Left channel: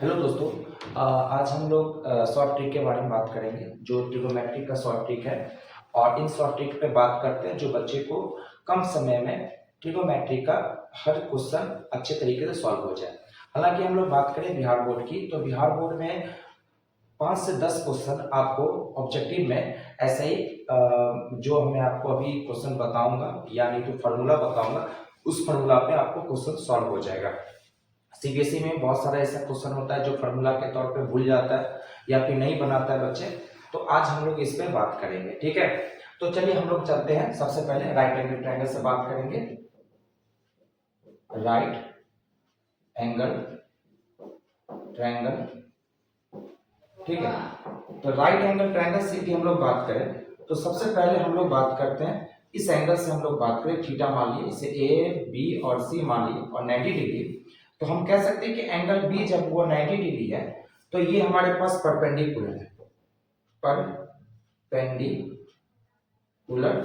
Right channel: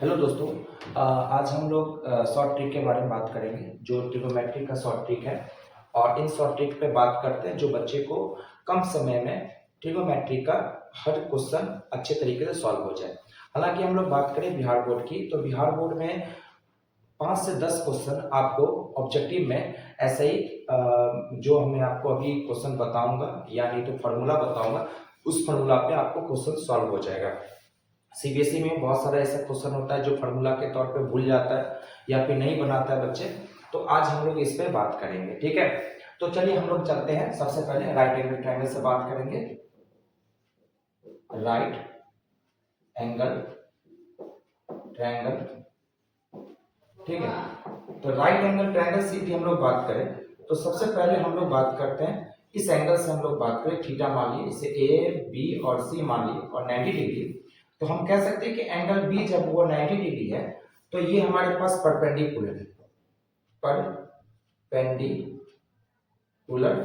Hello दोस्तों। आज हम लोग शॉर्ट ट्रिक के बारे में बात करेंगे जो ट्रिग्नोमेट्री का शॉर्ट ट्रिक है। और इन शॉर्ट ट्रिक पे बात करते हैं जो बच्चे को कम समय में ट्रिग्नोमेट्री का हर क्वेश्चन अच्छे तरीके से सॉल्व हो जाए। हालांकि हम लोग बात करें बिहार बोर्ड की, तो बिहार बोर्ड में 5 से 10 क्वेश्चन आपको ऑब्जेक्टिव में ऐसे ही जो मैं आपको अभी क्वेश्चन बताऊंगा यानी तो फार्मूला बताऊंगा, उस फार्मूला पे आपको क्वेश्चन सॉल्व हो जाएगा। सीबीएसई में बहुत सारा ऐसा क्वेश्चन होता है जो फार्मूला के तौर पे भूल जाता है या फिर नहीं बनाता है बच्चे, तो आज हम लोग इस पे बात करेंगे। ठीक है, तो चलिए हम लोग चलते हैं। सबसे पहले राइट एंगल ट्रायंगल से बात करेंगे। राइट एंगल ट्रायंगल, ठीक है। तो राइट एंगल ट्रायंगल से यदि हम लोग बात करें तो सबसे पहले हम लोग बात करते हैं इस एंगल से। हम लोग बात करें थीटा, मान लिए इसे ए बी और सी मान लिए और 90 डिग्री, तो हम कह सकते हैं कि एंगल बी जब वो 90 डिग्री है तो ये हमारे पास परपेंडिकुलर है। परपेंडिकुलर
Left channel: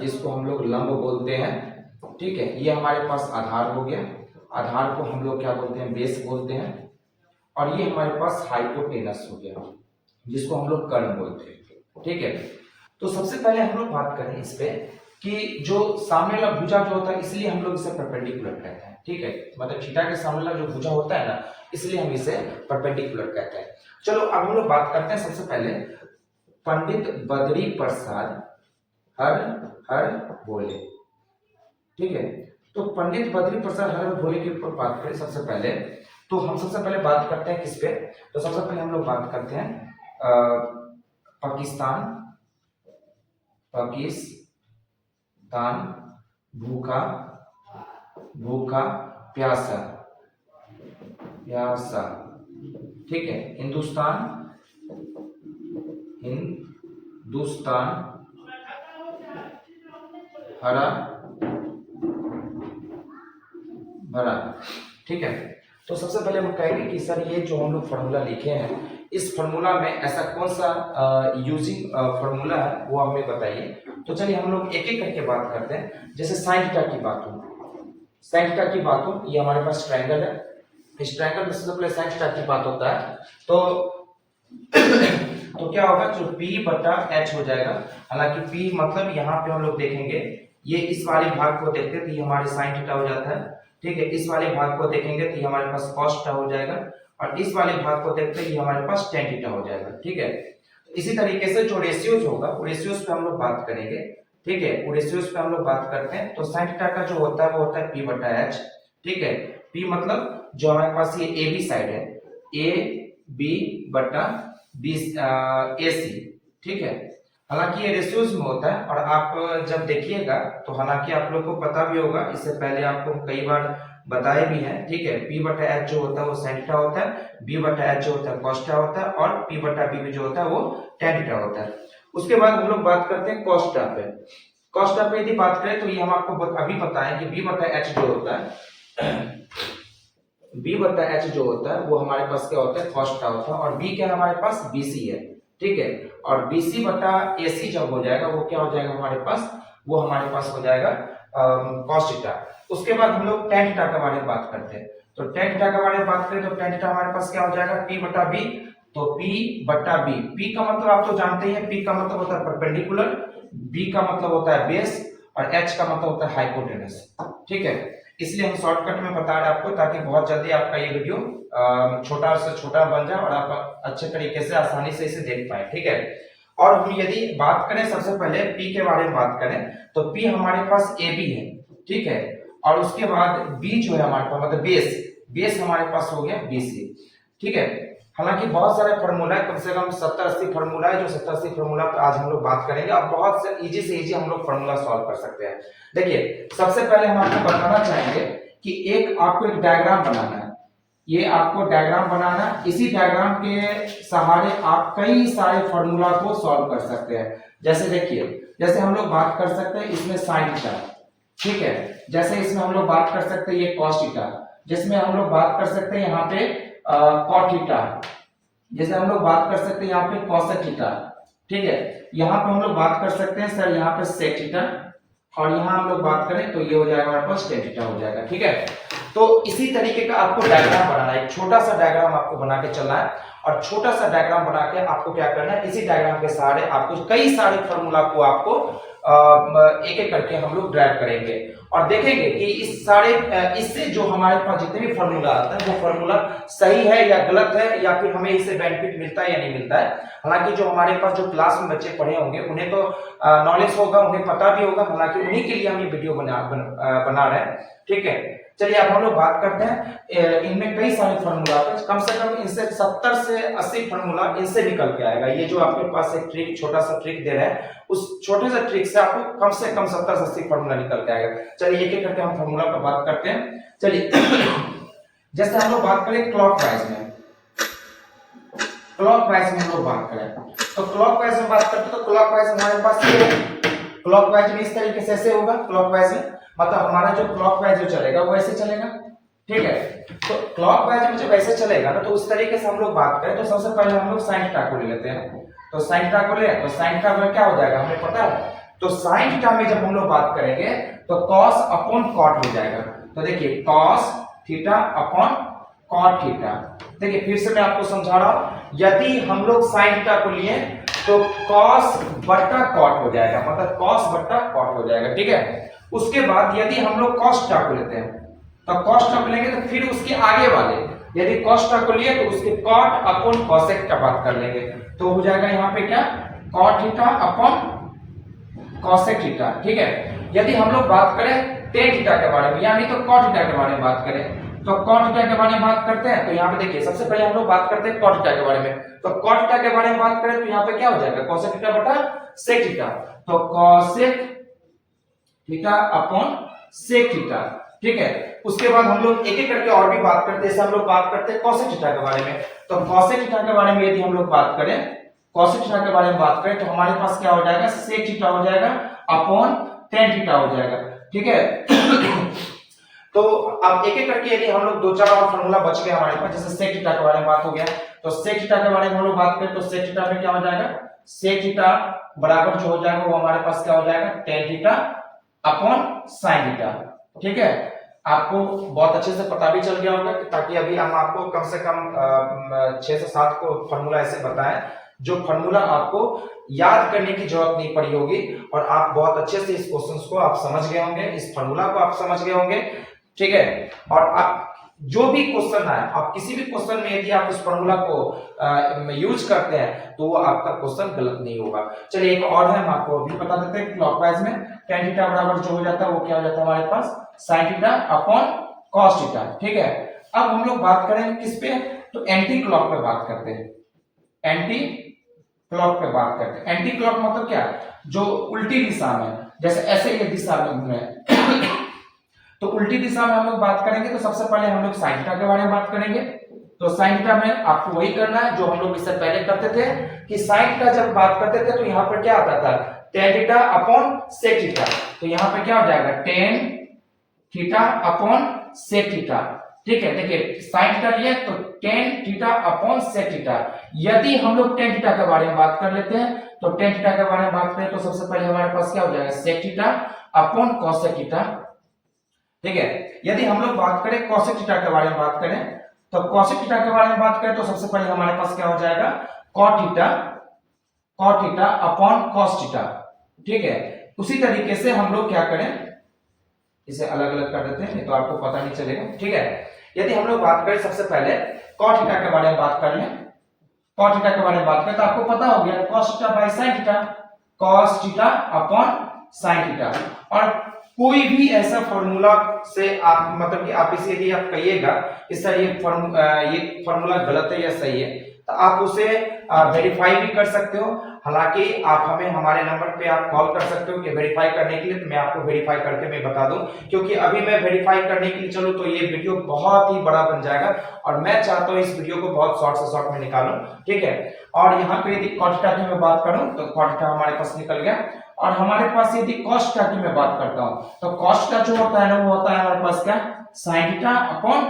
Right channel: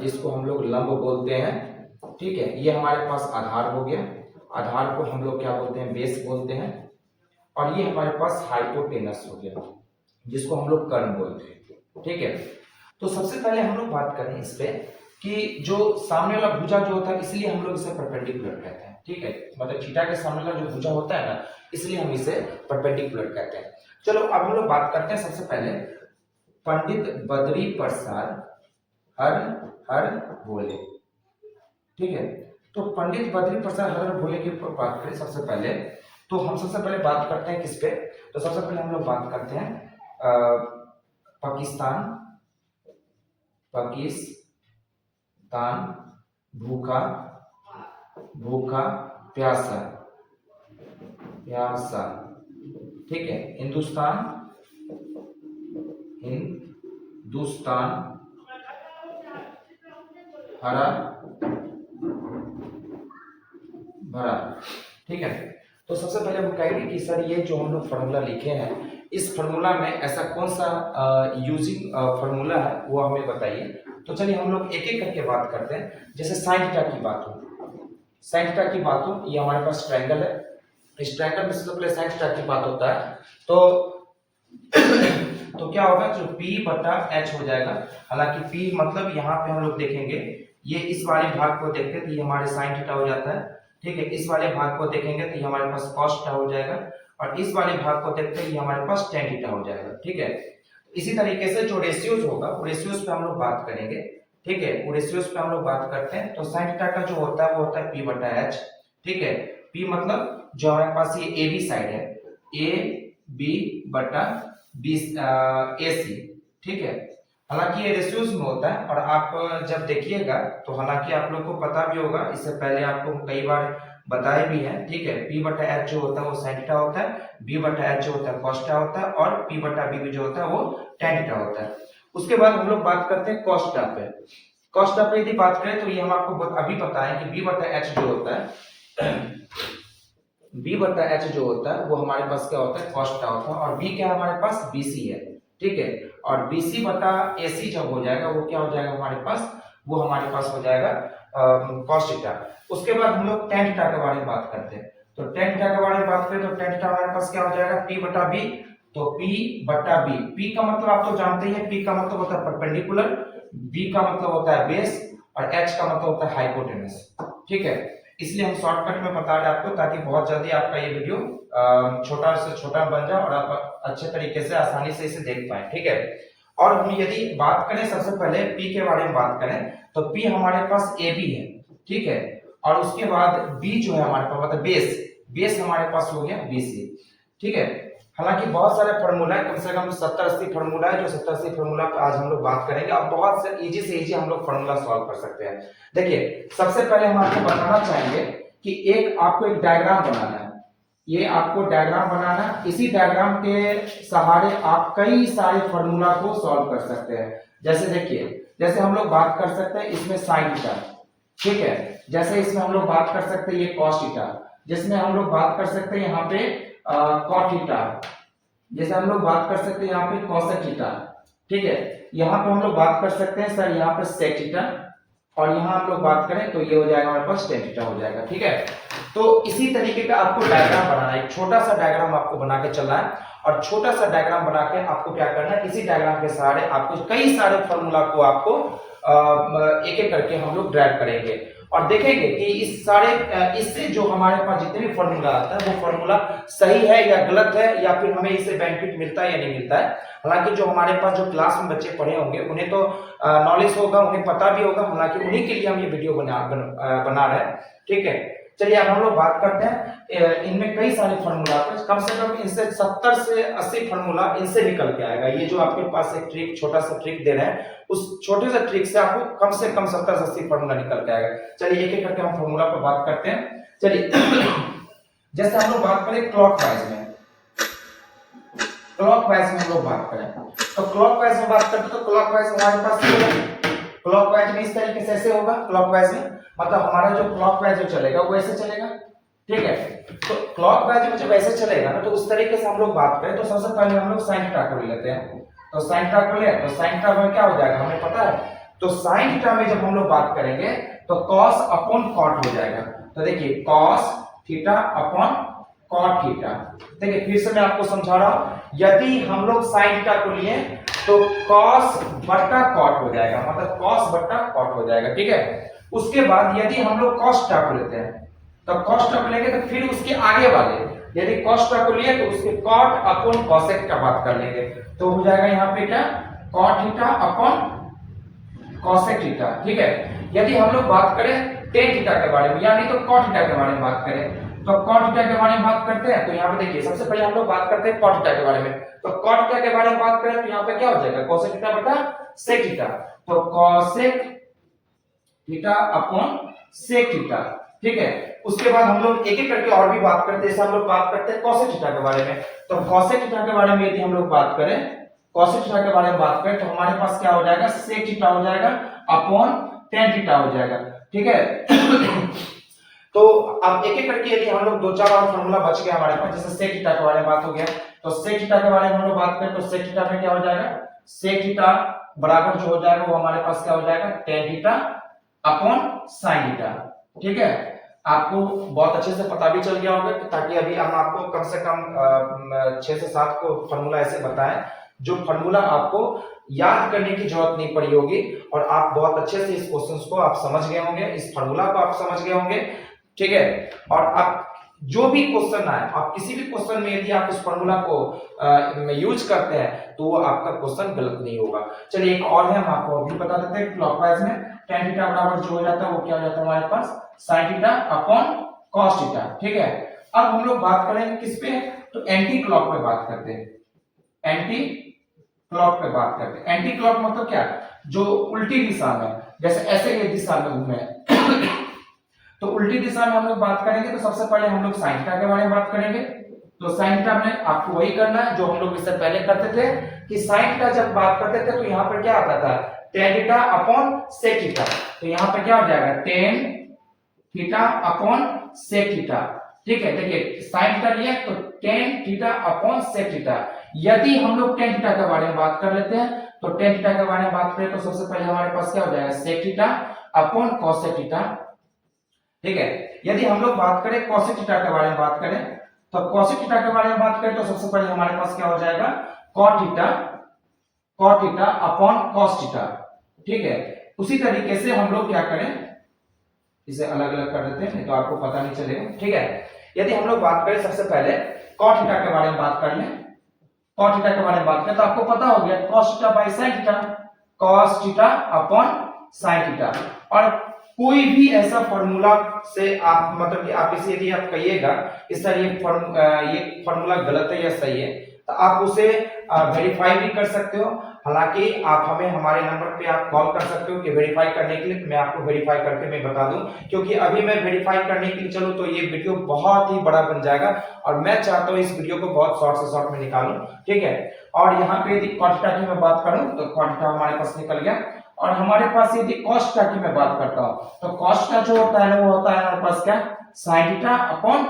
जिसको हम लोग लंब बोलते हैं, ठीक है। ये हमारे पास आधार हो गया, आधार को हम लोग क्या बोलते हैं, बेस बोलते हैं। और ये हमारे पास हाइपोटेनस हो गया जिसको हम लोग कर्ण बोलते हैं, ठीक है। तो सबसे पहले हम लोग बात करें इस पे कि जो सामने वाला भुजा जो होता है, इसलिए हम लोग इसे परपेंडिकुलर कहते हैं, ठीक है। मतलब थीटा के सामने वाला जो भुजा होता है ना, इसलिए हम इसे परपेंडिकुलर कहते हैं। चलो अब हम लोग बात करते हैं सबसे पहले पंडित बद्री प्रसाद हर हर भोले, ठीक है। तो पंडित बद्री प्रसाद हर हर भोले के ऊपर बात करें सबसे पहले, तो हम सबसे पहले बात करते हैं किस पे। तो सबसे पहले हम लोग बात करते हैं पाकिस्तान भूखा भूखा प्यासा प्यासा, ठीक है। हिंदुस्तान हरा भरा, ठीक है। तो सबसे पहले हम कहेंगे कि सर ये जो हम लोग फार्मूला लिखे हैं, इस फार्मूला में ऐसा कौन सा यूजिंग फार्मूला है वो हमें बताइए। तो चलिए हम लोग एक एक करके बात करते हैं। जैसे साइन थीटा की बात हो, साइन थीटा की बात हो, ये हमारे पास ट्रायंगल है। इस ट्रायंगल में सबसे पहले साइन थीटा की बात होता है तो तो क्या होगा, जो P बटा H हो जाएगा। हालांकि P मतलब यहाँ पे हम लोग देखेंगे, ये इस वाले भाग को देखते तो ये हमारे साइन थीटा हो जाता है, ठीक है। इस वाले भाग को देखेंगे तो ये हमारे पास cos थीटा हो जाएगा, और इस वाले भाग को देखते हैं ये हमारे पास tan थीटा हो जाएगा, ठीक है। इसी तरीके से जो रेशियोज होगा वो रेशियोज पे हम लोग बात करेंगे, ठीक है। वो रेशियोज पे हम लोग बात करते हैं। तो साइन थीटा का जो होता है वो होता है P बटा H, ठीक है। P मतलब जो हमारे पास ये AB साइड है, ए बी बटा बी ए सी, ठीक है। हालांकि ये रेशियोज में होता है, और आप जब देखिएगा तो हालांकि आप लोग को पता भी होगा, इससे पहले आपको कई बार बताए भी हैं, ठीक है। P बटा H जो होता है वो sin थीटा होता है, B बटा H जो होता है cos थीटा होता है, और P बटा B जो होता है वो tan थीटा होता है। उसके बाद हम लोग बात करते हैं cos थीटा पे। cos थीटा पे यदि बात करें तो ये हम आपको अभी बताएं कि B बटा H जो होता है B बटा H जो होता है वो हमारे पास क्या होता है, cos थीटा होता है। और B क्या है हमारे पास, BC है, ठीक है। और BC बटा AC जब हो जाएगा वो क्या हो जाएगा हमारे पास, वो हमारे पास हो जाएगा cos थीटा। उसके बाद हम लोग tan थीटा के बारे में बात करते हैं। तो tan थीटा के बारे में बात करें तो tan थीटा हमारे पास क्या हो जाएगा, P बटा B। तो P बटा B, P का मतलब आप तो जानते ही हैं, P का मतलब होता है परपेंडिकुलर, B का मतलब होता है बेस, और H का मतलब होता है हाइपोटेनस, ठीक है। इसलिए हम शॉर्टकट में बता रहे हैं आपको, ताकि बहुत जल्दी आपका ये वीडियो छोटा से छोटा बन जाए और आप अच्छे तरीके से आसानी से इसे देख पाए, ठीक है। और हम यदि बात करें सबसे पहले P के बारे में बात करें तो P हमारे पास AB है, ठीक है। और उसके बाद B जो है हमारे पास मतलब बेस हमारे पास हो गया BC, ठीक है। हालांकि बहुत सारे फार्मूला है, कम से कम 70-80 फार्मूला है, जो 70-80 फार्मूला पे आज हम लोग बात करेंगे। अब बहुत से इजी हम लोग फार्मूला सॉल्व कर सकते हैं। देखिए सबसे पहले हम आपको बताना चाहेंगे कि आपको एक डायग्राम बनाना है। ये आपको डायग्राम बनाना, इसी डायग्राम के सहारे आप कई सारे फार्मूला को सॉल्व कर सकते हैं। जैसे देखिए, जैसे हम लोग बात कर सकते हैं इसमें साइन थीटा, ठीक है। जैसे इसमें हम लोग बात कर सकते हैं ये cos थीटा, जिसमें हम लोग बात कर सकते हैं यहाँ पे cot थीटा, जैसे हम लोग बात कर सकते हैं यहाँ पे cosec थीटा, ठीक है। यहाँ पे हम लोग बात कर सकते हैं सर यहाँ पे sec थीटा, और यहाँ हम लोग बात करें तो ये हो जाएगा हमारे पास tan थीटा हो जाएगा। ठीक है, तो इसी तरीके का आपको डायग्राम बनाना है, एक छोटा सा डायग्राम आपको बना के चलना है और छोटा सा डायग्राम बना के आपको क्या करना है, इसी डायग्राम के सहारे आपको कई सारे फॉर्मूला को आपको एक एक करके हम लोग ड्राइव करेंगे और देखेंगे कि इस सारे इससे जो हमारे पास जितने भी फॉर्मूला आता है वो फॉर्मूला सही है या गलत है, या फिर हमें इससे बेनिफिट मिलता है या नहीं मिलता है। हालांकि जो हमारे पास जो क्लास में बच्चे पढ़े होंगे उन्हें तो नॉलेज होगा, उन्हें पता भी होगा, हालांकि उन्हीं के लिए हम ये वीडियो बना रहे हैं। ठीक है, चलिए अब हम लोग बात करते हैं, इनमें कई सारे फॉर्मूला कम से कम इनसे 70 से 80 फॉर्मूला इनसे निकल के आएगा। ये जो आपके पास एक ट्रिक, छोटा सा ट्रिक दे रहे हैं, उस छोटे से ट्रिक से आपको कम से कम 70 से 80 फॉर्मूला निकल के आएगा। चलिए एक एक करके हम फॉर्मूला पर बात करते हैं। चलिए जैसे हम लोग बात करें क्लॉकवाइज में, क्लॉकवाइज में हम लोग बात करें तो क्लॉकवाइज में बात करते हैं तो क्लॉकवाइज हमारे पास क्लॉकवाइज में इस तरीके से ऐसे होगा। क्लॉकवाइज में मतलब हमारा जो क्लॉकवाइज जो चलेगा वो ऐसे चलेगा। ठीक है, तो क्लॉकवाइज में जब ऐसे चलेगा ना तो उस तरीके से हम लोग बात करें तो सबसे पहले हम लोग साइन थीटा को ले लेते हैं। तो साइन थीटा को ले तो साइन थीटा में क्या हो जाएगा हमें पता है। तो साइन थीटा में जब हम लोग बात करेंगे तो cos अपॉन cot हो जाएगा। तो देखिए cos theta upon cot theta. देखिए फिर से मैं आपको समझा रहा हूं, यदि हम लोग साइन थीटा को लिए तो cos बट्टा cot हो जाएगा, मतलब cos बट्टा cot हो जाएगा। ठीक है, उसके बाद यदि हम लोग cos थीटा को लेते हैं तो cos थीटा को लेंगे तो फिर उसके आगे वाले यदि cos थीटा को लिए तो उसके cot अपॉन cosec का बात कर लेंगे। तो हो जाएगा यहाँ पे क्या cot theta upon cosec theta. ठीक है, यदि हम लोग बात करें tan थीटा के बारे में यानी तो cot थीटा के बारे में बात करें तो cot थीटा के बारे में बात करते हैं। तो यहाँ पे देखिए सबसे पहले हम लोग बात करते हैं cot थीटा के बारे में। तो cot थीटा के बारे में बात करें तो यहाँ पे क्या हो जाएगा cosec थीटा बटा sec थीटा। तो cosec theta upon sec theta. ठीक है, उसके बाद हम लोग एक एक करके और भी बात करते हैं। जैसे हम लोग बात करते हैं cosec थीटा के बारे में। तो cosec थीटा के बारे में यदि हम लोग बात करें, cosec थीटा के बारे में बात करें तो हमारे पास क्या हो जाएगा sec थीटा हो जाएगा अपॉन tan थीटा हो जाएगा। ठीक है तो अब एक एक करके यदि हम लोग दो चार और फॉर्मूला बच गया हमारे पास, जैसे sec थीटा के बारे में बात हो गया तो sec थीटा के बारे में हम लोग बात करें तो sec थीटा में क्या हो जाएगा, sec थीटा बराबर जो हो जाएगा वो हमारे पास क्या हो जाएगा tan theta upon sin theta. ठीक है, आपको बहुत अच्छे से पता भी चल गया होगा ताकि अभी हम आपको कम से कम 6 से 7 को फॉर्मूला ऐसे बताएं जो फॉर्मूला आपको याद करने की जरूरत नहीं पड़ी होगी और आप बहुत अच्छे से इस क्वेश्चंस को आप समझ गए होंगे, इस फॉर्मूला को आप समझ गए होंगे। ठीक है, और आप जो भी क्वेश्चन आए, आप किसी भी क्वेश्चन में यदि आप उस फॉर्मूला को यूज करते हैं तो वो आपका क्वेश्चन गलत नहीं होगा। चलिए एक और है, हम आपको अभी बता देते हैं। क्लॉकवाइज में tan थीटा बराबर जो हो जाता है वो क्या हो जाता है हमारे पास sin theta upon cos theta. ठीक है, अब हम लोग बात करें किस पे, तो एंटी क्लॉक पे बात करते हैं। एंटी क्लॉक पे बात करते हैं। एंटी क्लॉक मतलब क्या, जो उल्टी दिशा में, जैसे ऐसे ये दिशा में घूमे तो उल्टी दिशा में हम लोग बात करेंगे तो सबसे पहले हम लोग साइन थीटा के बारे में बात करेंगे। तो साइन थीटा में आपको वही करना है जो हम लोग इससे पहले करते थे कि साइन थीटा जब बात करते थे तो यहाँ पर क्या आता था tan theta upon sec theta. तो यहाँ पे क्या हो जाएगा tan theta upon sec theta. ठीक है, देखिए साइन थीटा लिया तो tan theta upon sec theta. यदि हम लोग tan थीटा के बारे में बात कर लेते हैं तो tan थीटा के बारे में बात करें तो सबसे पहले हमारे पास क्या हो जाएगा sec theta upon cosec theta. ठीक है, यदि हम लोग बात करें cosec थीटा के बारे में बात करें तो cosec थीटा के बारे में बात करें तो सबसे पहले हमारे पास क्या हो जाएगा cot theta upon cos theta. ठीक है, उसी तरीके से हम लोग क्या करें, इसे अलग अलग कर देते हैं नहीं तो आपको पता नहीं चलेगा। ठीक है, यदि हम लोग बात करें सबसे पहले cot थीटा के बारे में बात कर लें, cot थीटा के बारे में बात करें तो आपको पता हो गया cos theta by sin theta, cos theta upon sin theta. और कोई भी ऐसा फॉर्मूला से आप मतलब कि आप इसे यदि आप कहिएगा इस सर ये फॉर्मूला गलत है या सही है तो आप उसे वेरीफाई भी कर सकते हो। हालांकि आप हमें हमारे नंबर पे आप कॉल कर सकते हो कि वेरीफाई करने के लिए, तो मैं आपको वेरीफाई करके मैं बता दूं, क्योंकि अभी मैं वेरीफाई करने के लिए चलूं तो ये वीडियो बहुत ही बड़ा बन जाएगा और मैं चाहता हूं इस वीडियो को बहुत शॉर्ट से शॉर्ट में निकालूं। ठीक है, और यहाँ पे यदि cot थीटा की मैं बात करूं तो cot थीटा हमारे पास निकल गया। और हमारे पास यदि cos थीटा की मैं बात करता हूं तो cos थीटा जो होता है ना वो होता है हमारे पास क्या sin theta upon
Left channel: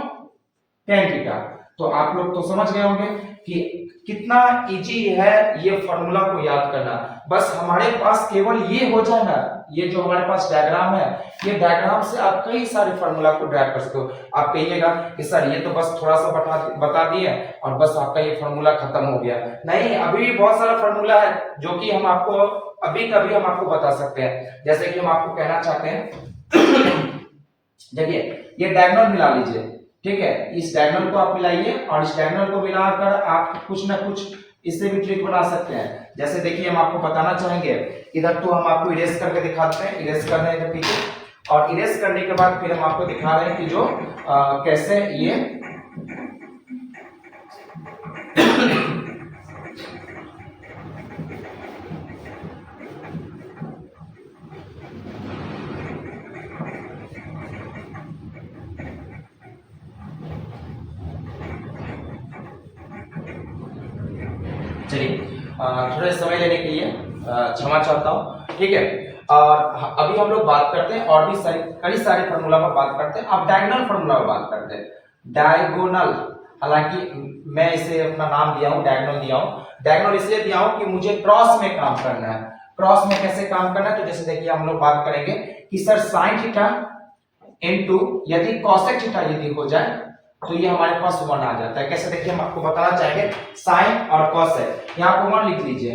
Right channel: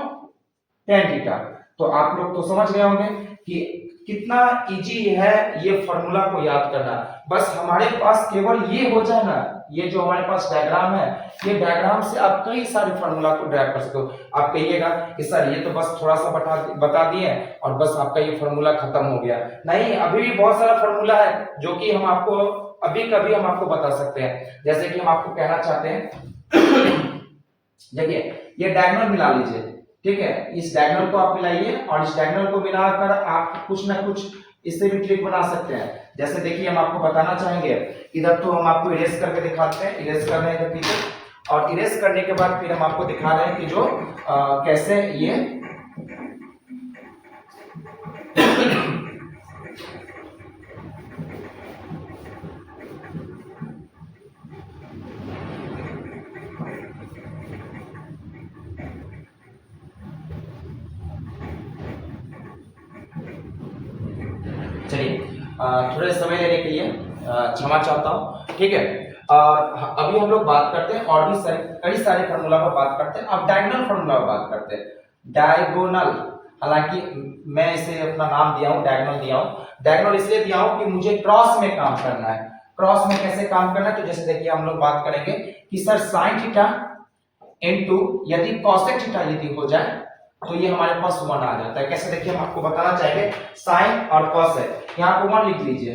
tan theta. तो आप लोग तो समझ गए होंगे कि कितना इजी है ये फॉर्मूला को याद करना। बस हमारे पास केवल ये हो जाए ना ये जो हमारे पास डायग्राम है, ये डायग्राम से आप कई सारे फार्मूला को ड्राइव कर सकते हो। आप कहिएगा कि सर ये तो बस थोड़ा सा बता दिए और बस आपका ये फार्मूला खत्म हो गया। नहीं, अभी भी बहुत सारा फार्मूला है जो कि हम आपको अभी कभी हम आपको बता सकते हैं। जैसे कि हम आपको कहना चाहते हैं देखिए ये डायगोनल मिला लीजिए, ठीक है, इस डायगोनल को आप मिलाइए और इस डायगोनल को मिलाकर आप कुछ ना कुछ इससे भी ट्रिक बना सकते हैं। जैसे देखिए हम आपको बताना चाहेंगे, इधर तो हम आपको इरेज करके दिखाते हैं, इरेज कर रहे हैं पीछे, और इरेज करने के बाद फिर हम आपको दिखा रहे हैं कि जो कैसे ये चलिए थोड़े समय लेने के लिए क्षमा चाहता हूँ, ठीक है। और अभी हम लोग बात करते हैं और भी कई सारे फार्मूला पर बात करते हैं। अब डायगोनल फार्मूला पर बात करते हैं। डायगोनल, हालांकि मैं इसे अपना नाम दिया हूँ, डायगोनल दिया हूँ। डायगोनल इसलिए दिया हूँ कि मुझे क्रॉस में काम करना है। क्रॉस में कैसे काम करना है, तो जैसे देखिए हम लोग बात करेंगे कि सर साइन थीटा इनटू यदि कॉसेक थीटा यदि हो जाए तो ये हमारे पास 1 आ जाता है। कैसे देखिए हम आपको बताना चाहेंगे, साइन और कॉसेक, यहाँ पे 1 लिख लीजिए,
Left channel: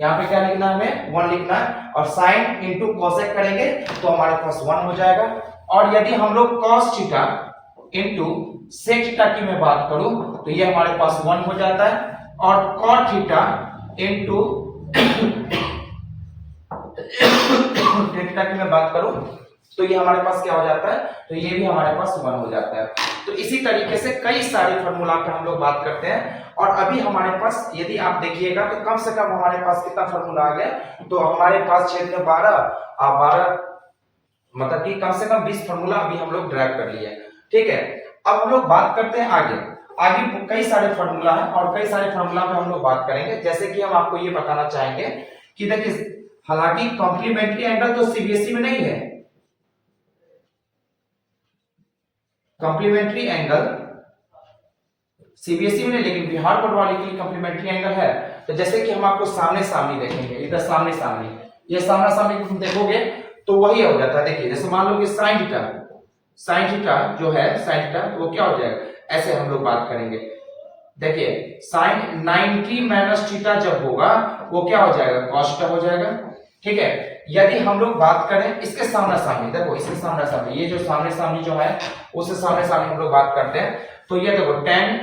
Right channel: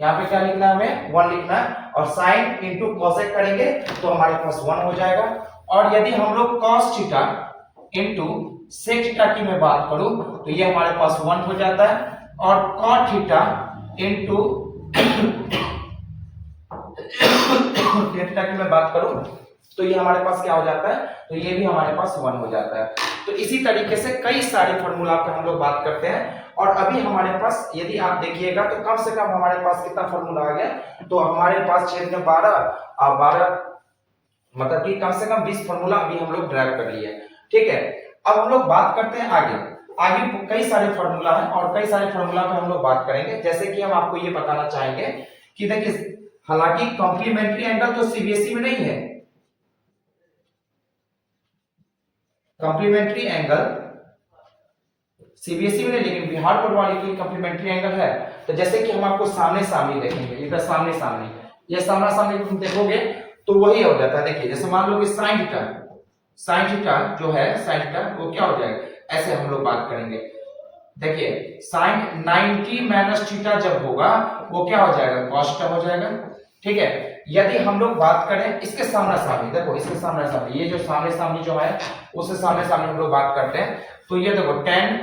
यहाँ पे क्या लिखना है, हमें 1 लिखना है, और साइन इंटू कॉसेक करेंगे तो हमारे पास 1 हो जाएगा। और यदि हम लोग cos theta into sec theta की मैं बात करूं तो ये हमारे पास 1 हो जाता है, और कॉट थीटा इंटू थीटा की मैं बात करूं तो ये हमारे पास क्या हो जाता है, तो ये भी हमारे पास 1 हो जाता है। तो इसी तरीके से कई सारे फार्मूला पे हम लोग बात करते हैं। और अभी हमारे पास यदि आप देखिएगा तो कम से कम हमारे पास कितना फार्मूला आ गया, तो हमारे पास क्षेत्र में 12 मतलब कि कम से कम 20 फार्मूला अभी हम लोग ड्राइव कर लिए, ठीक है। अब हम लोग बात करते हैं आगे कई सारे फार्मूला है और कई सारे फार्मूला पे हम लोग बात करेंगे। जैसे कि हम आपको ये बताना चाहेंगे कि देखिए, हालांकि कॉम्प्लीमेंट्री एंगल तो सीबीएसई में नहीं है, कॉम्प्लीमेंट्री एंगल सीबीएसई में नहीं, लेकिन बिहार बोर्ड वाले की कॉम्प्लीमेंट्री एंगल है। तो जैसे कि हम आपको सामने सामने देखेंगे, इधर सामने सामने, ये सामने सामने तुम देखोगे तो वही हो जाता है। देखिए जैसे मान लो कि साइन थीटा जो है, साइन थीटा वो क्या हो जाएगा, ऐसे हम लोग बात करेंगे। देखिए साइन 90 माइनस थीटा जब होगा वो क्या हो जाएगा, कॉस थीटा हो जाएगा, ठीक है। यदि हम लोग बात करें इसके सामने सामने, देखो इसके सामने सामने, ये जो सामने सामने जो है उससे सामने सामने हम लोग बात करते हैं, तो ये देखो tan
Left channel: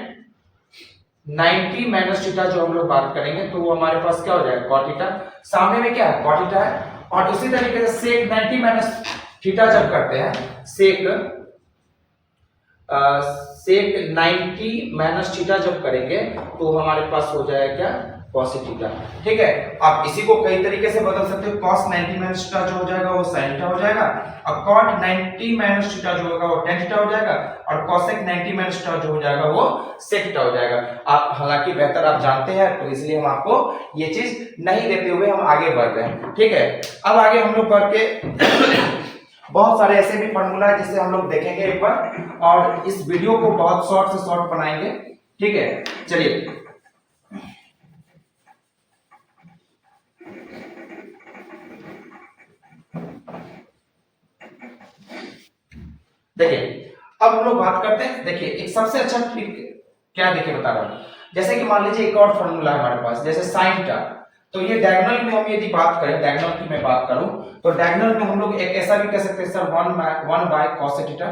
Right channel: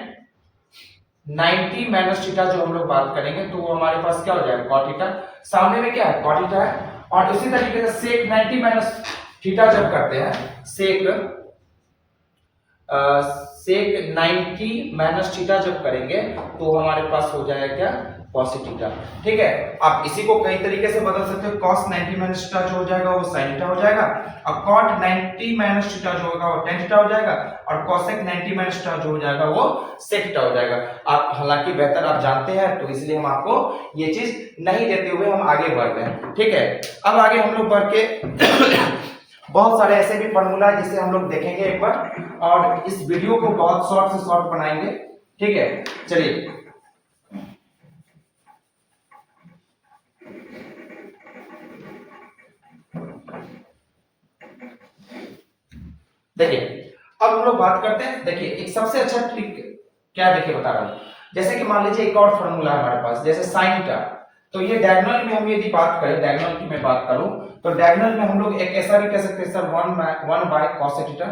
90 माइनस थीटा जो हम लोग बात करेंगे तो वो हमारे पास क्या हो जाएगा, cot थीटा। सामने में क्या है, cot थीटा है। और उसी तरीके से sec 90 माइनस थीटा जब करते हैं, sec 90 माइनस थीटा जब करेंगे तो हमारे पास हो जाएगा क्या, cos थीटा, ठीक है। आप इसी को कई तरीके से बदल सकते हो। cos 90 माइनस थीटा जो हो जाएगा वो sin थीटा हो जाएगा, और cot 90 माइनस थीटा जो होगा वो tan थीटा हो जाएगा, और cosec 90 माइनस थीटा जो हो जाएगा वो sec थीटा हो जाएगा। आप हालांकि बेहतर आप जानते हैं तो इसलिए हम आपको ये चीज नहीं देते हुए हम आगे बढ़ रहे हैं, ठीक है। अब आगे हम लोग बढ़ के बहुत सारे ऐसे भी फार्मूला है जिसे हम लोग देखेंगे एक बार, और इस वीडियो को बहुत शॉर्ट से शॉर्ट बनाएंगे, ठीक है। चलिए देखिए अब हम लोग बात करते हैं। देखिए एक सबसे अच्छा ट्रिक क्या, देखिए बता रहा हूं। जैसे कि मान लीजिए एक और फार्मूला है हमारे पास, जैसे साइन थीटा, तो ये डायगोनल में हम यदि बात करें, डायगोनल की मैं बात करूं तो डायगोनल में हम लोग एक ऐसा भी कह सकते हैं सर 1 बाय cos थीटा,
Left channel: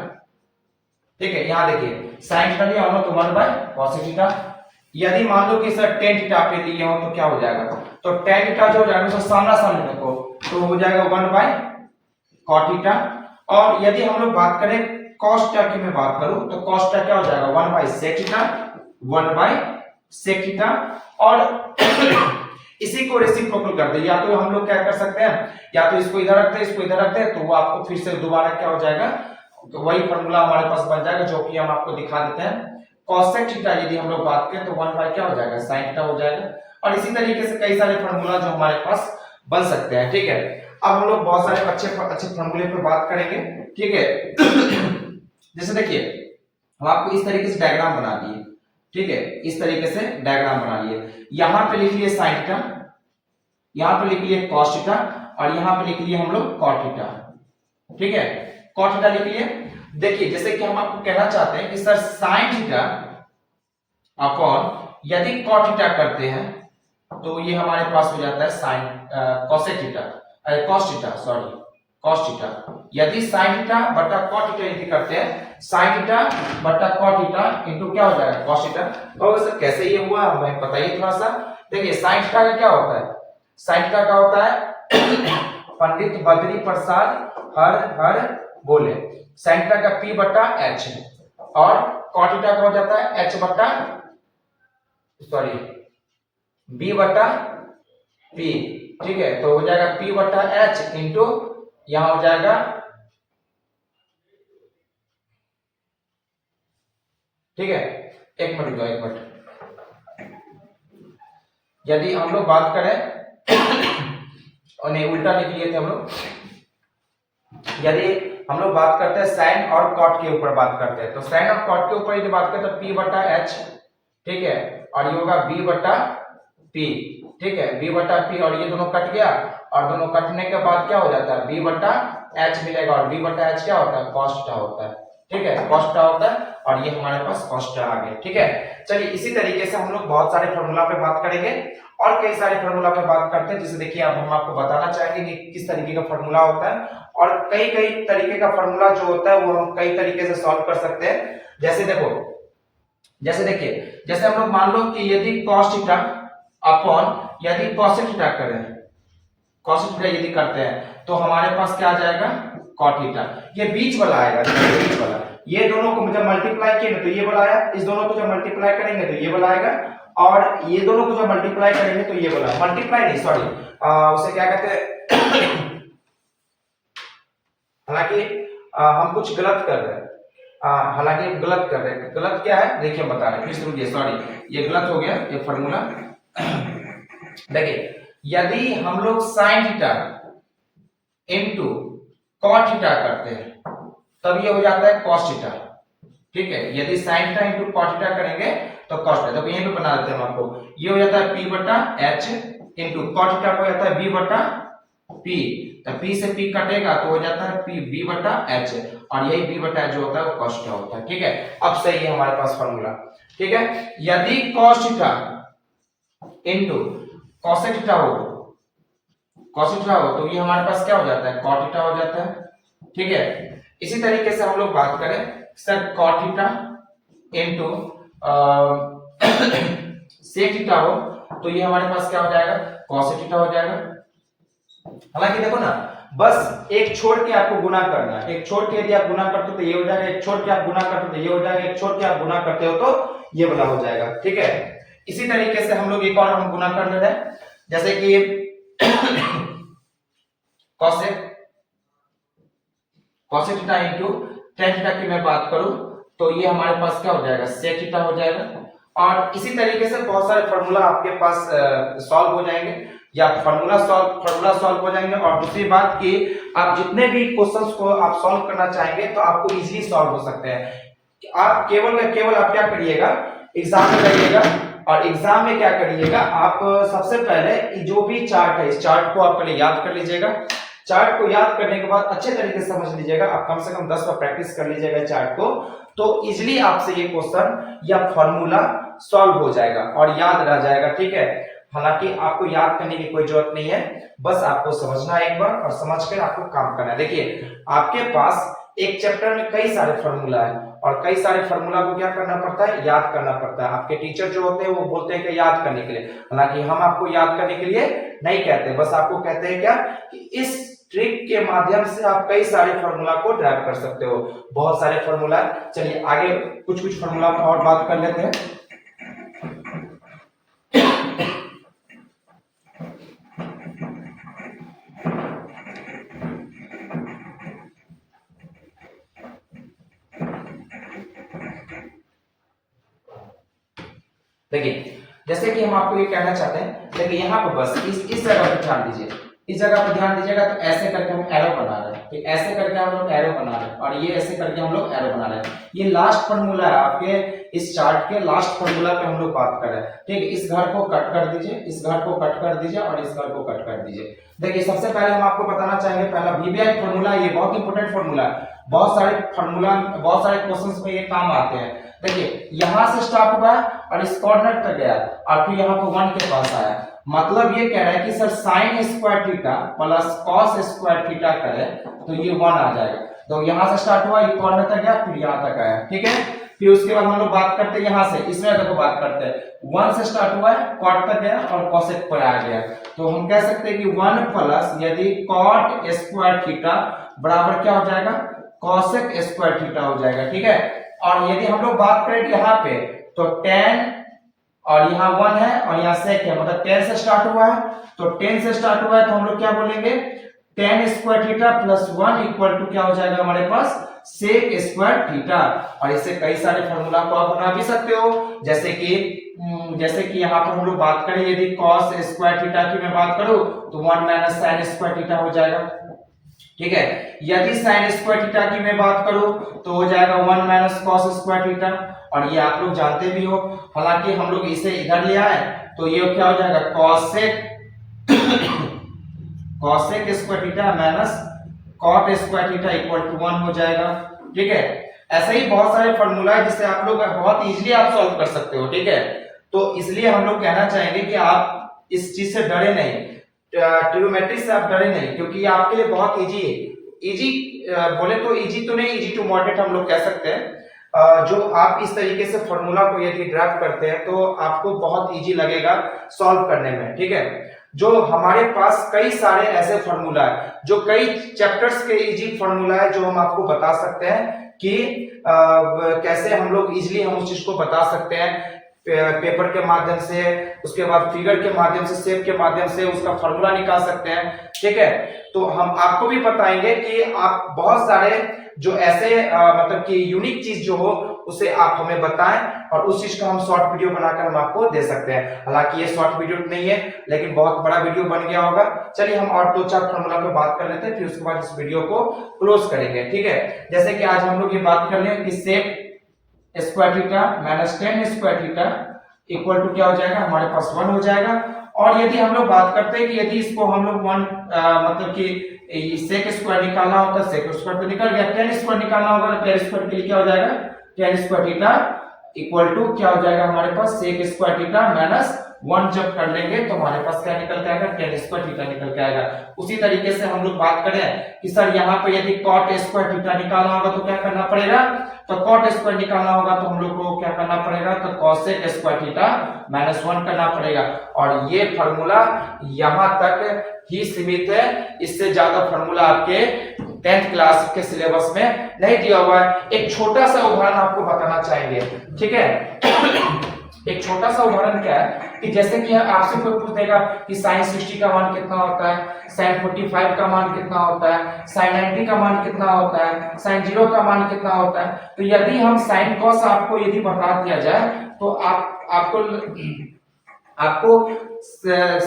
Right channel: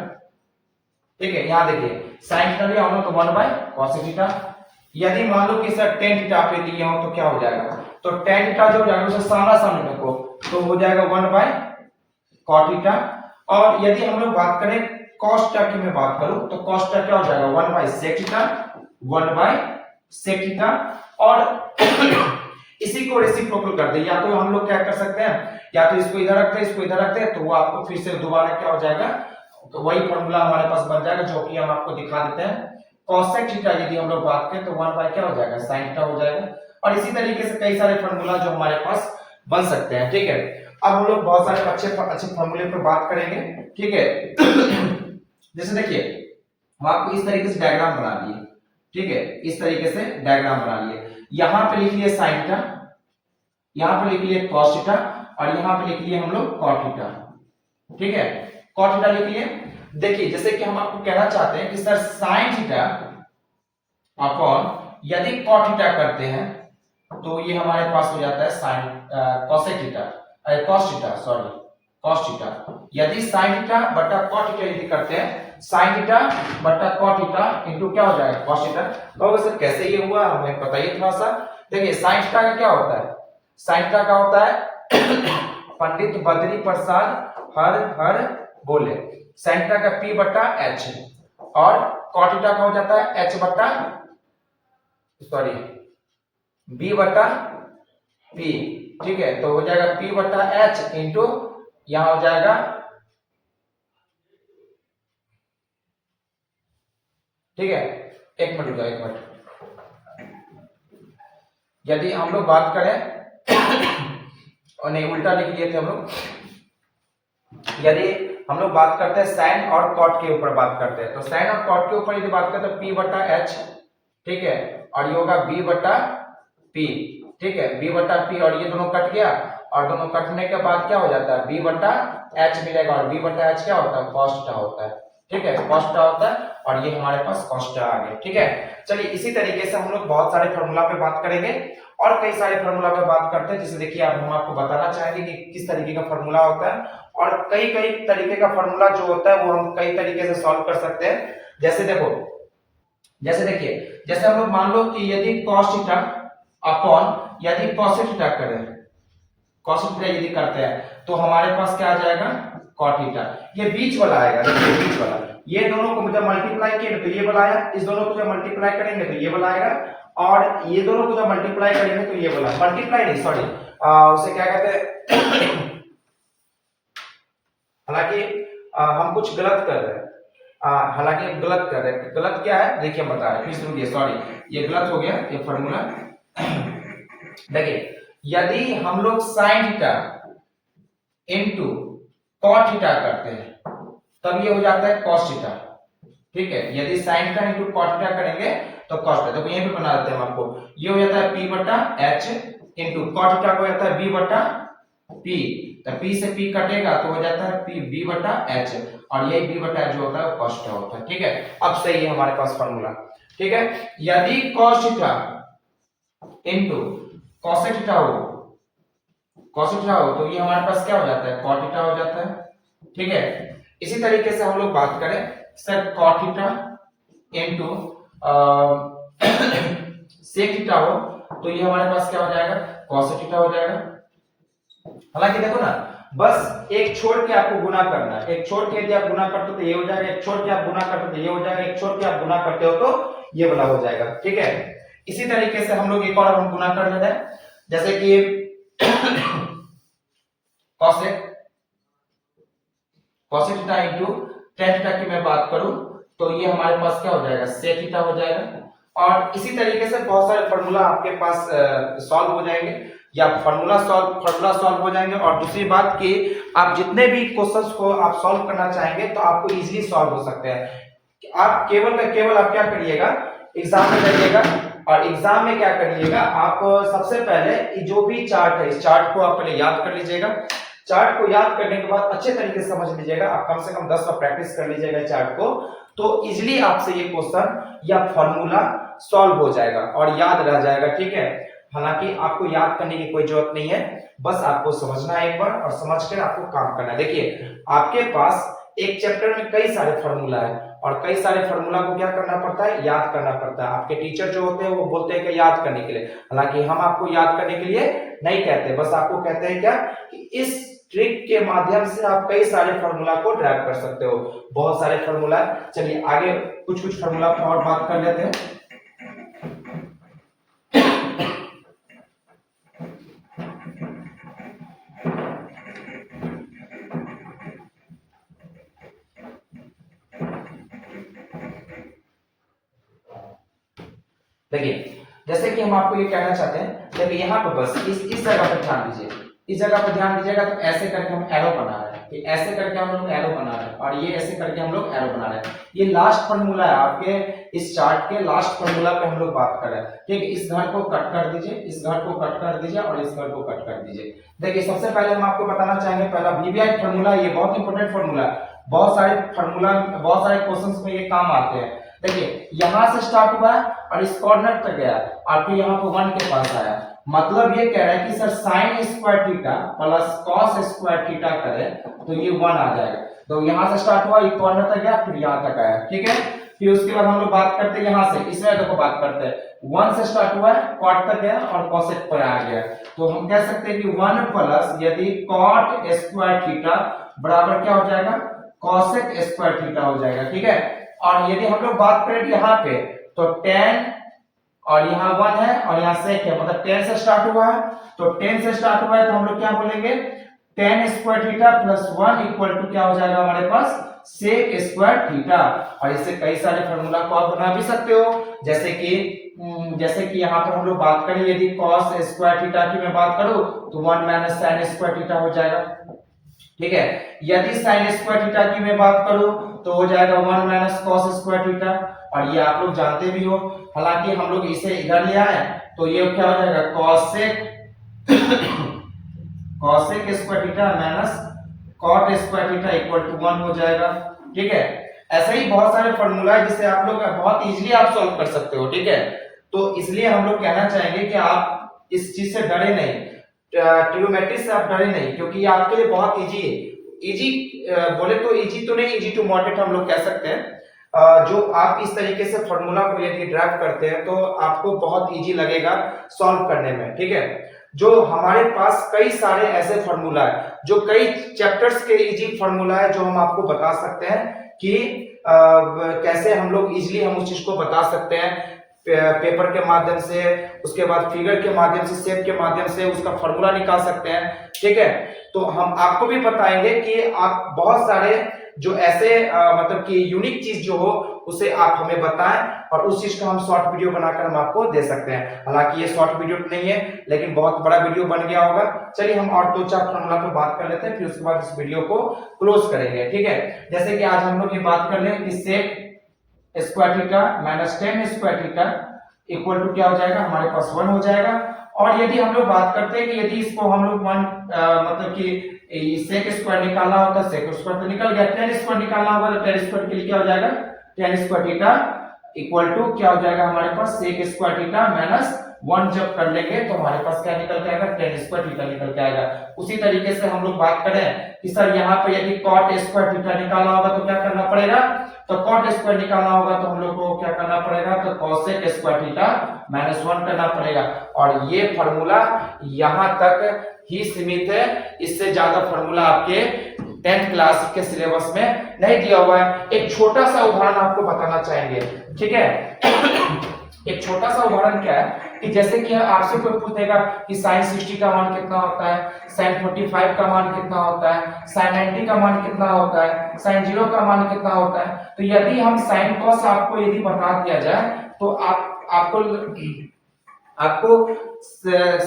ठीक है। यहां देखिए साइन थीटा लिया हो तो 1 बाय cos थीटा। यदि मान लो कि सर tan थीटा पे दिए हो तो क्या हो जाएगा, तो tan थीटा जो हो जाएगा उसका सामना सामने देखो तो हो जाएगा 1 बाय cot थीटा। और यदि हम लोग बात करें cos थीटा की मैं बात करूं तो cos थीटा क्या हो जाएगा, 1 by sec theta, 1 by sec theta. और इसी को रेसिप्रोकल कर दे, या तो हम लोग क्या कर सकते हैं, या तो इसको इधर रखते हैं, इसको इधर रखते हैं, तो वो आपको फिर से दोबारा क्या हो जाएगा, तो वही फार्मूला हमारे पास बन जाएगा जो कि हम आपको दिखा देते हैं। cosec थीटा यदि हम लोग बात करें तो 1 बाय क्या हो जाएगा, sin थीटा हो जाएगा। और इसी तरीके से कई सारे फार्मूला जो हमारे पास बन सकते हैं, ठीक है। अब हम लोग बहुत सारे अच्छे फार्मूले पर बात करेंगे, ठीक है। जैसे देखिए हम आपको इस तरीके से डायग्राम बना दिए, ठीक है, इस तरीके से डायग्राम बना लिए। यहां पे लिख लिए sin थीटा, यहां पे लिख लिए cos थीटा, और यहाँ पे लिख लिए हम लोग cot थीटा। ठीक है, cot थीटा लिख लिए। देखिए जैसे कि हम आपको कहना चाहते हैं कि सर sin थीटा अपॉन यदि cot थीटा करते हैं तो ये हमारे पास हो जाता है sin cosec theta, cos theta, sorry cos theta. यदि sin थीटा बटा cot थीटा यदि करते हैं, sin थीटा बटा cot थीटा इनटू क्या हो जाएगा cos थीटा। तो सर कैसे ये हुआ हमें बताइए थोड़ा सा। देखिए sin थीटा का क्या होता है, sin थीटा का होता है पंडित बद्री प्रसाद हर बोले, sin थीटा का p बटा h और cot थीटा का हो जाता है h बटा सॉरी b बटा p। ठीक है, तो हो जाएगा p बटा h इंटू यहां हो जाएगा, ठीक है, एक मिनट दो, एक मिनट। यदि हम लोग बात करें और नहीं उल्टा लिख लिए थे हम लोग, यदि हम लोग बात करते हैं साइन और कॉट के ऊपर बात करते हैं, तो साइन और कॉट के ऊपर यदि बात करें तो p बटा h, ठीक है, और ये होगा b बटा p। ठीक है, b बटा p और ये दोनों कट गया और दोनों कटने के बाद क्या हो जाता है b बटा h मिलेगा और b बटा h क्या होता है cos थीटा होता है। ठीक है, cos थीटा होता है और ये हमारे पास cos थीटा आ गया। ठीक है, चलिए इसी तरीके से हम लोग बहुत सारे फार्मूला पे बात करेंगे और कई सारे फार्मूला पे बात करते हैं, जिसे देखिए अब हम आपको बताना चाहेंगे कि किस तरीके का फार्मूला होता है और कई कई तरीके का फार्मूला जो होता है वो हम कई तरीके से सॉल्व कर सकते हैं। जैसे देखो, जैसे देखिए, जैसे हम लोग मान लो कि यदि cos थीटा अपॉन यदि cosec थीटा करें, cosec थीटा यदि करते हैं तो हमारे पास क्या आ जाएगा cot थीटा। ये बीच वाला आएगा, ये बीच वाला, ये दोनों को जब मल्टीप्लाई किए तो ये वाला आया, इस दोनों को जब मल्टीप्लाई करेंगे तो ये वाला आएगा और ये दोनों को जब मल्टीप्लाई करेंगे तो ये वाला, मल्टीप्लाई नहीं सॉरी उसे क्या कहते हैं हालांकि हम कुछ गलत कर रहे हैं, हालांकि हम गलत कर रहे हैं। गलत क्या है देखिए हम बता रहे हैं, फिर रुकिए, सॉरी ये गलत हो गया ये फार्मूला। देखिए यदि हम लोग sin theta into cot theta करते हैं तब ये हो जाता है cos थीटा। ठीक है, यदि sin theta into cot theta करेंगे तो cos थीटा, तो यहीं पे बना देते हैं हम आपको, ये हो जाता है p बटा h इनटू cot थीटा को जाता है b बटा p, तो p से p कटेगा तो हो जाता है p b बटा h और यही b बटा h जो होता है वो cos थीटा होता है। ठीक है, अब सही है हमारे पास फार्मूला। ठीक है, यदि cos theta into cosec theta हो, cosec थीटा हो तो ये हमारे पास क्या हो जाता है cot थीटा हो जाता है। ठीक है, इसी तरीके से हम लोग बात करें sir cot theta into sec theta हो तो ये हमारे पास क्या हो जाएगा cosec थीटा हो जाएगा। हालांकि देखो ना, बस एक छोड़ के आपको गुना करना है, एक छोड़ के यदि आप गुना करते हो तो ये हो जाएगा, एक छोड़ के आप गुना करते हो तो ये हो जाएगा, एक छोड़ के आप गुना करते हो तो ये वाला हो जाएगा। ठीक है, इसी तरीके से हम लोग एक और हम गुना कर ले रहे हैं, जैसे कि cosec theta into tan theta की मैं बात करूं तो ये हमारे पास क्या हो जाएगा sec थीटा हो जाएगा। और इसी तरीके से बहुत सारे फार्मूला आपके पास सॉल्व हो जाएंगे या फार्मूला सॉल्व हो जाएंगे। और दूसरी बात कि आप जितने भी क्वेश्चंस को आप सॉल्व करना चाहेंगे तो आपको इजीली सॉल्व हो सकते हैं। आप केवल आप क्या करिएगा, एग्जाम में जाइएगा और एग्जाम में क्या करिएगा, आप सबसे पहले जो भी चार्ट है इस चार्ट को आप पहले याद कर लीजिएगा। चार्ट को याद करने के बाद अच्छे तरीके से समझ लीजिएगा, आप कम से कम 10 बार प्रैक्टिस कर लीजिएगा चार्ट को, तो इजीली आपसे ये क्वेश्चन या फॉर्मूला सॉल्व हो जाएगा और याद रह जाएगा। ठीक है, हालांकि आपको याद करने की कोई जरूरत नहीं है, बस आपको समझना है एक बार और समझ कर आपको काम करना है। देखिए आपके पास एक चैप्टर में कई सारे फार्मूला है और कई सारे फार्मूला को क्या करना पड़ता है, याद करना पड़ता है। आपके टीचर जो होते हैं वो बोलते हैं कि याद करने के लिए, हालांकि हम आपको याद करने के लिए नहीं कहते, बस आपको कहते हैं क्या कि इस ट्रिक के माध्यम से आप कई सारे फार्मूला को ड्राइव कर सकते हो। बहुत सारे फार्मूला है, चलिए आगे कुछ फार्मूला पर और बात कर लेते हैं। देखिए जैसे कि हम आपको ये कहना चाहते हैं, देखिए यहाँ पर बस इस जगह पर ध्यान दीजिए, इस जगह पर ध्यान दीजिएगा। तो ऐसे करके हम एरो बना रहे हैं, तो ऐसे करके हम लोग एरो बना रहे हैं और ये ऐसे करके हम लोग एरो बना रहे हैं। ये लास्ट फार्मूला है आपके इस चार्ट के लास्ट फॉर्मूला पे हम लोग बात कर रहे हैं। ठीक है, इस घर को कट कर दीजिए, इस घर को कट कर दीजिए और इस घर को कट कर दीजिए। देखिए सबसे पहले हम आपको बताना चाहेंगे पहला वीबीआई फॉर्मूला, ये बहुत इंपॉर्टेंट फॉर्मूला है, बहुत सारे फॉर्मूला बहुत सारे क्वेश्चंस में ये काम आते हैं। देखिए यहां से स्टार्ट हुआ है और इस कॉर्नर तक गया और फिर यहाँ पे 1 के पास आया, मतलब ये कह रहा है कि sir sine square theta plus cos square theta करें तो ये 1 आ जाएगा। तो यहां से स्टार्ट हुआ, ये कॉर्नर तक गया, फिर यहां तक आया। ठीक है, फिर उसके बाद हम लोग बात करते हैं यहां से, इसमें देखो बात करते हैं 1 से स्टार्ट हुआ है, कॉट तक गया और कोसेक पर आ गया। तो हम कह सकते हैं कि 1 प्लस यदि कॉट स्क्वायर थीटा बराबर क्या हो जाएगा, कोसेक स्क्वायर थीटा हो जाएगा। ठीक है, और यदि हम लोग बात करें यहाँ पे तो tan और यहाँ 1 है और यहाँ sec है, मतलब 10 से स्टार्ट हुआ है, तो 10 से स्टार्ट हुआ है तो हम लोग क्या बोलेंगे, tan square theta plus 1 equal to क्या हो जाएगा हमारे पास, sec स्क्वायर थीटा। और इससे कई सारे फॉर्मूला को आप बना भी सकते हो, जैसे कि यहाँ पर हम लोग बात करें यदि cos स्क्वायर थीटा की मैं बात करूं तो 1 माइनस sin स्क्वायर थीटा हो जाएगा। ठीक है, यदि sin स्क्वायर थीटा की मैं बात करूं तो हो जाएगा 1 माइनस cos स्क्वायर थीटा, और ये आप लोग जानते भी हो, हालांकि हम लोग इसे इधर ले आए तो ये क्या हो जाएगा cosec square theta minus cot square theta equal to 1 हो जाएगा। ठीक है, ऐसे ही बहुत सारे फॉर्मूला है जिसे आप लोग बहुत इजीली आप सॉल्व कर सकते हो। ठीक है, तो इसलिए हम लोग कहना चाहेंगे कि आप इस चीज से डरे नहीं, ट्रिग्नोमेट्री से आप डरे नहीं, क्योंकि ये आपके लिए बहुत इजी है। इजी बोले तो इजी तो नहीं, इजी टू मॉडरेट हम लोग कह सकते हैं। जो आप इस तरीके से फॉर्मूला को यदि ड्राफ्ट करते हैं तो आपको बहुत इजी लगेगा सॉल्व करने में। ठीक है, जो हमारे पास कई सारे ऐसे फॉर्मूला है, जो कई चैप्टर्स के इजी फॉर्मूला है जो हम आपको बता सकते हैं कि कैसे हम लोग इजीली हम उस चीज को बता सकते हैं, पेपर के माध्यम से, उसके बाद फिगर के माध्यम से, शेप के माध्यम से उसका फॉर्मूला निकाल सकते हैं। ठीक है, तो हम आपको भी बताएंगे कि आप बहुत सारे जो ऐसे मतलब कि यूनिक चीज जो हो उसे आप हमें बताएं और उस चीज का हम शॉर्ट वीडियो बनाकर हम आपको दे सकते हैं। हालांकि ये शॉर्ट वीडियो नहीं है लेकिन बहुत बड़ा वीडियो बन गया होगा। चलिए हम और 2-4 फॉर्मूला पे बात कर लेते हैं, फिर उसके बाद इस वीडियो को क्लोज करेंगे। ठीक है, जैसे कि आज हम लोग ये बात कर लें कि sec square theta minus tan square theta equal to क्या हो जाएगा, हमारे पास 1 हो जाएगा। और यदि हम लोग बात करते हैं कि यदि इसको हम लोग 1 मतलब कि sec स्क्वायर निकालना होता है, sec स्क्वायर तो निकल गया, tan स्क्वायर निकालना होगा तो tan स्क्वायर के लिए क्या हो जाएगा, tan square theta equal to क्या हो जाएगा हमारे पास, sec स्क्वायर थीटा माइनस 1 जब कर लेंगे तो हमारे पास क्या निकल के आएगा, tan स्क्वायर थीटा निकल के आएगा। उसी तरीके से हम लोग बात करें कि सर यहाँ पे यदि cot स्क्वायर थीटा निकालना होगा तो क्या करना पड़ेगा, तो cot स्क्वायर निकालना होगा तो हम लोग को क्या करना पड़ेगा, तो cosec स्क्वायर थीटा माइनस 1 करना पड़ेगा। और ये फॉर्मूला यहाँ तक ही सीमित है, इससे ज्यादा फॉर्मूला आपके 10th क्लास के सिलेबस में नहीं दिया हुआ है। एक छोटा सा उदाहरण आपको बताना चाहेंगे। ठीक है, एक छोटा सा उदाहरण क्या है कि जैसे कि आपसे कोई पूछ देगा कि sin 60 का मान कितना होता है, sin 45 का मान कितना होता है, sin 90 का मान कितना होता है, sin 0 का मान कितना होता है, तो यदि हम sin cos आपको यदि बता दिया जाए तो आपको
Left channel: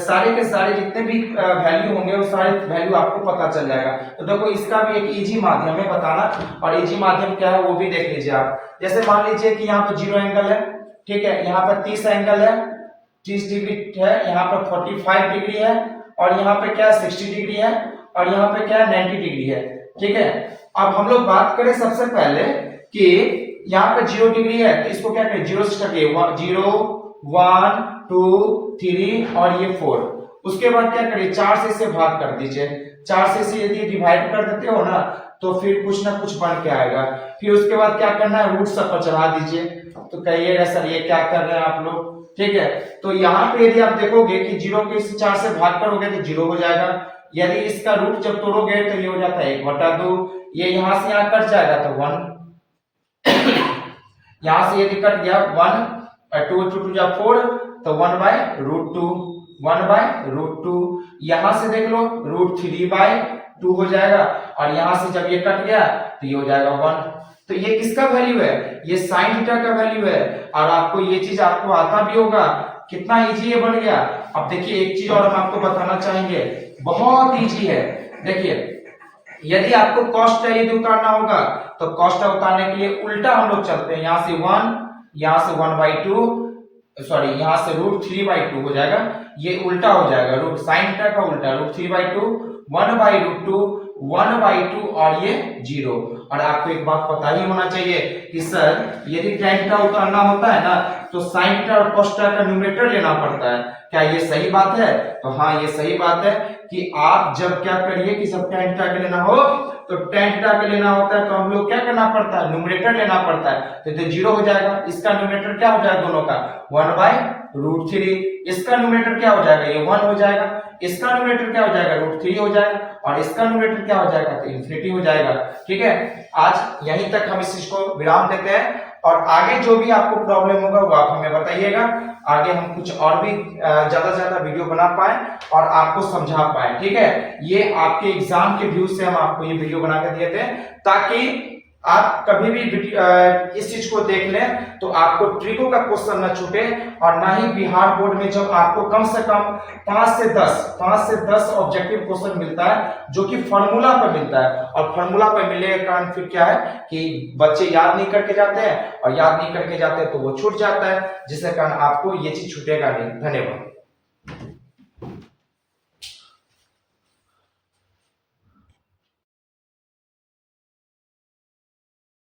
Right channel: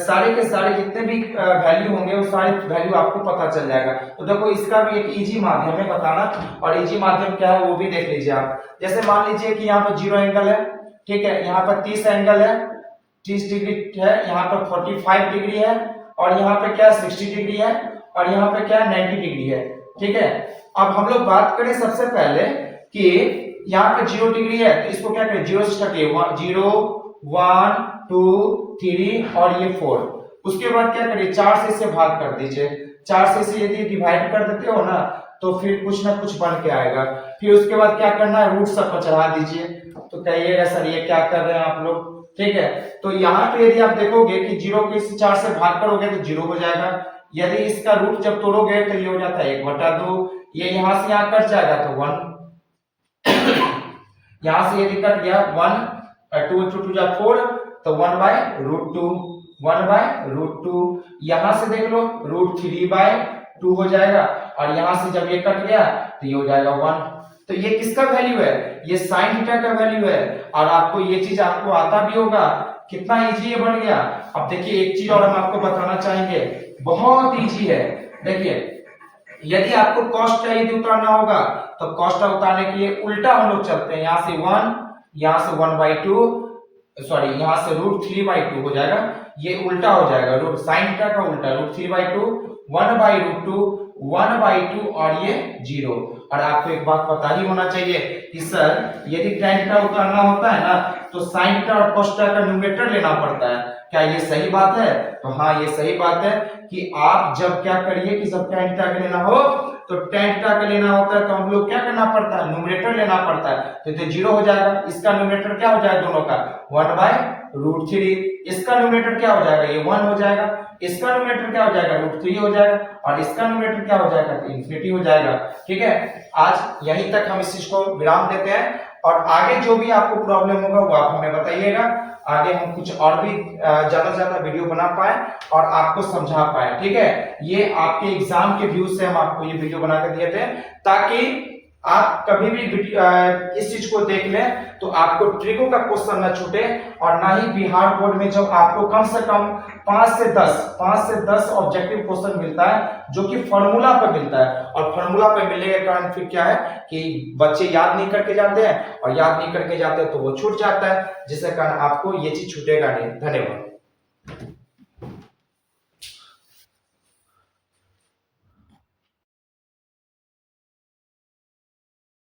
सारे के सारे जितने भी वैल्यू होंगे वो सारे वैल्यू आपको पता चल जाएगा। तो देखो इसका भी एक इजी माध्यम है बताना, और इजी माध्यम क्या है वो भी देख लीजिए आप। जैसे मान लीजिए कि यहाँ पर 0 एंगल है, ठीक है, यहाँ पर 30 एंगल है, 30 डिग्री है, यहाँ पर 45 डिग्री है, और यहाँ पे क्या 60 डिग्री है, और यहाँ पे क्या 90 डिग्री है। ठीक है, अब हम लोग बात करें सबसे पहले कि यहाँ पे 0 डिग्री है तो इसको क्या करें, 0 से स्टार्ट करिए, 0 1 2 3 और ये 4। उसके बाद क्या करिए, 4 से इसे भाग कर दीजिए, 4 से इसे यदि डिवाइड कर देते हो ना तो फिर कुछ ना कुछ बन के आएगा। फिर उसके बाद क्या करना है, रूट सब पर चढ़ा दीजिए। तो कहिएगा सर ये क्या कर रहे हैं आप लोग। ठीक है, तो यहाँ पे यदि आप देखोगे कि 0 को इस 4 से भाग करोगे तो 0 हो जाएगा, यदि इसका रूट जब तोड़ोगे तो ये हो जाता है 1/2, ये यहाँ से यहाँ कट जाएगा तो 1 यहाँ से यदि कट गया 1 2 2 जा 4 तो 1/√2, 1/√2। यहाँ से देख लो √3/2 हो जाएगा, और यहाँ से जब ये कट गया तो ये हो जाएगा 1। तो ये किसका वैल्यू है, ये sin थीटा का वैल्यू है। और आपको ये चीज आपको आता भी होगा, कितना इजी ये बन गया। अब देखिए एक चीज और हम आपको बताना चाहेंगे, बहुत इजी है। देखिए यदि आपको कॉस्ट यदि उतारना होगा तो कॉस्ट उतारने के लिए उल्टा हम लोग चलते हैं, यहाँ से 1 यहाँ से 1/2, सॉरी यहाँ से √3/2 हो जाएगा, ये उल्टा हो जाएगा, रूट साइन थीटा का उल्टा, √3/2, 1/√2, 1/2 और ये 0। और आपको एक बात पता ही होना चाहिए कि सर यदि tan थीटा उतारना होता है ना तो sin थीटा और cos थीटा का न्यूमरेटर लेना पड़ता है। क्या ये सही बात है? तो हाँ, ये सही बात है कि आप जब क्या करिए कि जब tan थीटा का लेना हो तो tan थीटा का लेना होता है तो हम लोग क्या करना पड़ता है, न्यूमरेटर लेना पड़ता है, तो 0 हो जाएगा। इसका न्यूमरेटर क्या हो जाएगा दोनों का, 1/√3। इसका न्यूमरेटर क्या हो जाएगा, ये 1 हो जाएगा। इसका न्यूमरेटर क्या हो जाएगा, √3 हो जाएगा। और इसका न्यूमरेटर क्या हो जाएगा, तो इन्फिनिटी हो जाएगा। ठीक है, आज यहीं तक हम इस चीज को विराम देते हैं, और आगे जो भी आपको प्रॉब्लम होगा वो आप हमें बताइएगा। आगे हम कुछ और भी ज्यादा से ज्यादा वीडियो बना पाए और आपको समझा पाए। ठीक है, ये आपके एग्जाम के व्यू से हम आपको ये वीडियो बना कर दिए थे, ताकि आप कभी भी इस चीज को देख लें तो आपको ट्रिको का क्वेश्चन न छूटे, और ना ही बिहार बोर्ड में जब आपको कम से कम 5 से 10 ऑब्जेक्टिव क्वेश्चन मिलता है जो कि फॉर्मूला पर मिलता है, और फॉर्मूला पर मिलने के कारण फिर क्या है कि बच्चे याद नहीं करके जाते हैं, और याद नहीं करके जाते हैं तो वो छूट जाता है, जिसके कारण आपको ये चीज छूटेगा नहीं। धन्यवाद।